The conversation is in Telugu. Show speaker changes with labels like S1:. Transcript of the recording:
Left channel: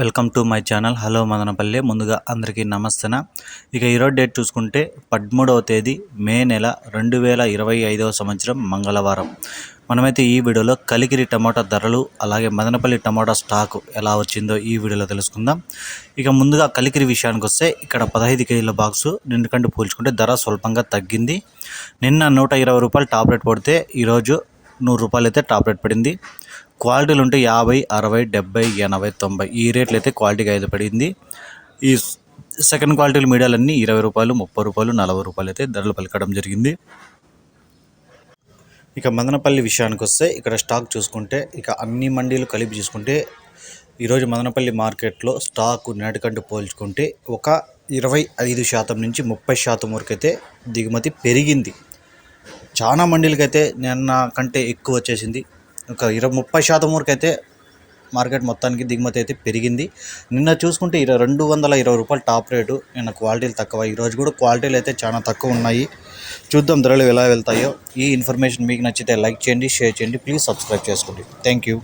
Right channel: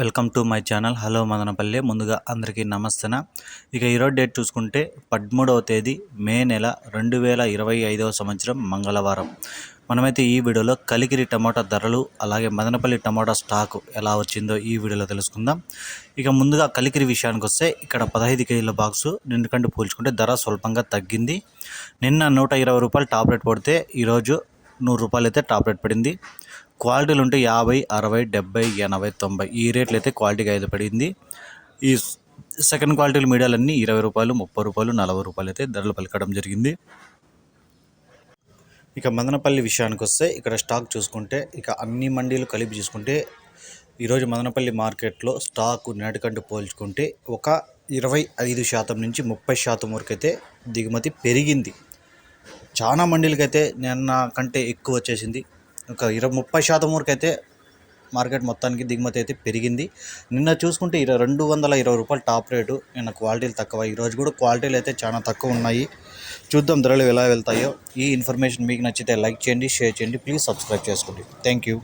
S1: Welcome to my channel. Hello Madanapalle. ముందుగా అందరికీ నమస్తన. ఇక ఈరోజు డేట్ చూసుకుంటే పదమూడవ తేదీ మే నెల రెండు వేల ఇరవై ఐదవ సంవత్సరం మంగళవారం. మనమైతే ఈ వీడియోలో కలికిరి టమాటా ధరలు అలాగే మదనపల్లి టమాటా స్టాక్ ఎలా వచ్చిందో ఈ వీడియోలో తెలుసుకుందాం. ఇక ముందుగా కలికిరి విషయానికి వస్తే ఇక్కడ పదహైదు కేజీల బాక్సు నిన్నకంటే పోల్చుకుంటే ధర స్వల్పంగా తగ్గింది. నిన్న నూట ఇరవై రూపాయలు టాప్ రేట్ పడితే ఈరోజు నూరు రూపాయలు అయితే టాప్ రేట్ పడింది. క్వాలిటీలు ఉంటే యాభై అరవై డెబ్బై ఎనభై తొంభై. ఈ రేట్లు అయితే క్వాలిటీగా అయితే పడింది. ఈ సెకండ్ క్వాలిటీలు మీడియాలన్నీ ఇరవై రూపాయలు ముప్పై రూపాయలు నలభై రూపాయలు అయితే ధరలు పలకడం జరిగింది. ఇక మదనపల్లి విషయానికి వస్తే ఇక్కడ స్టాక్ చూసుకుంటే ఇక అన్ని మండీలు కలిపి చూసుకుంటే ఈరోజు మదనపల్లి మార్కెట్లో స్టాక్ నేటికంటూ పోల్చుకుంటే ఒక ఇరవై ఐదు శాతం నుంచి ముప్పై శాతం వరకు అయితే దిగుమతి పెరిగింది. చాలా మండీలకైతే నిన్న కంటే ఎక్కువ వచ్చేసింది. ఒక ఇరవై ముప్పై శాతం వరకు అయితే మార్కెట్ మొత్తానికి దిగుమతి అయితే పెరిగింది. నిన్న చూసుకుంటే ఇరవై రెండు వందల ఇరవై రూపాయలు టాప్ రేటు. నిన్న క్వాలిటీలు తక్కువ. ఈరోజు కూడా క్వాలిటీలు అయితే చాలా తక్కువ ఉన్నాయి. చూద్దాం ధరలు ఎలా వెళ్తాయో. ఈ ఇన్ఫర్మేషన్ మీకు నచ్చితే లైక్ చేయండి షేర్ చేయండి. ప్లీజ్ సబ్స్క్రైబ్ చేసుకోండి. Thank you.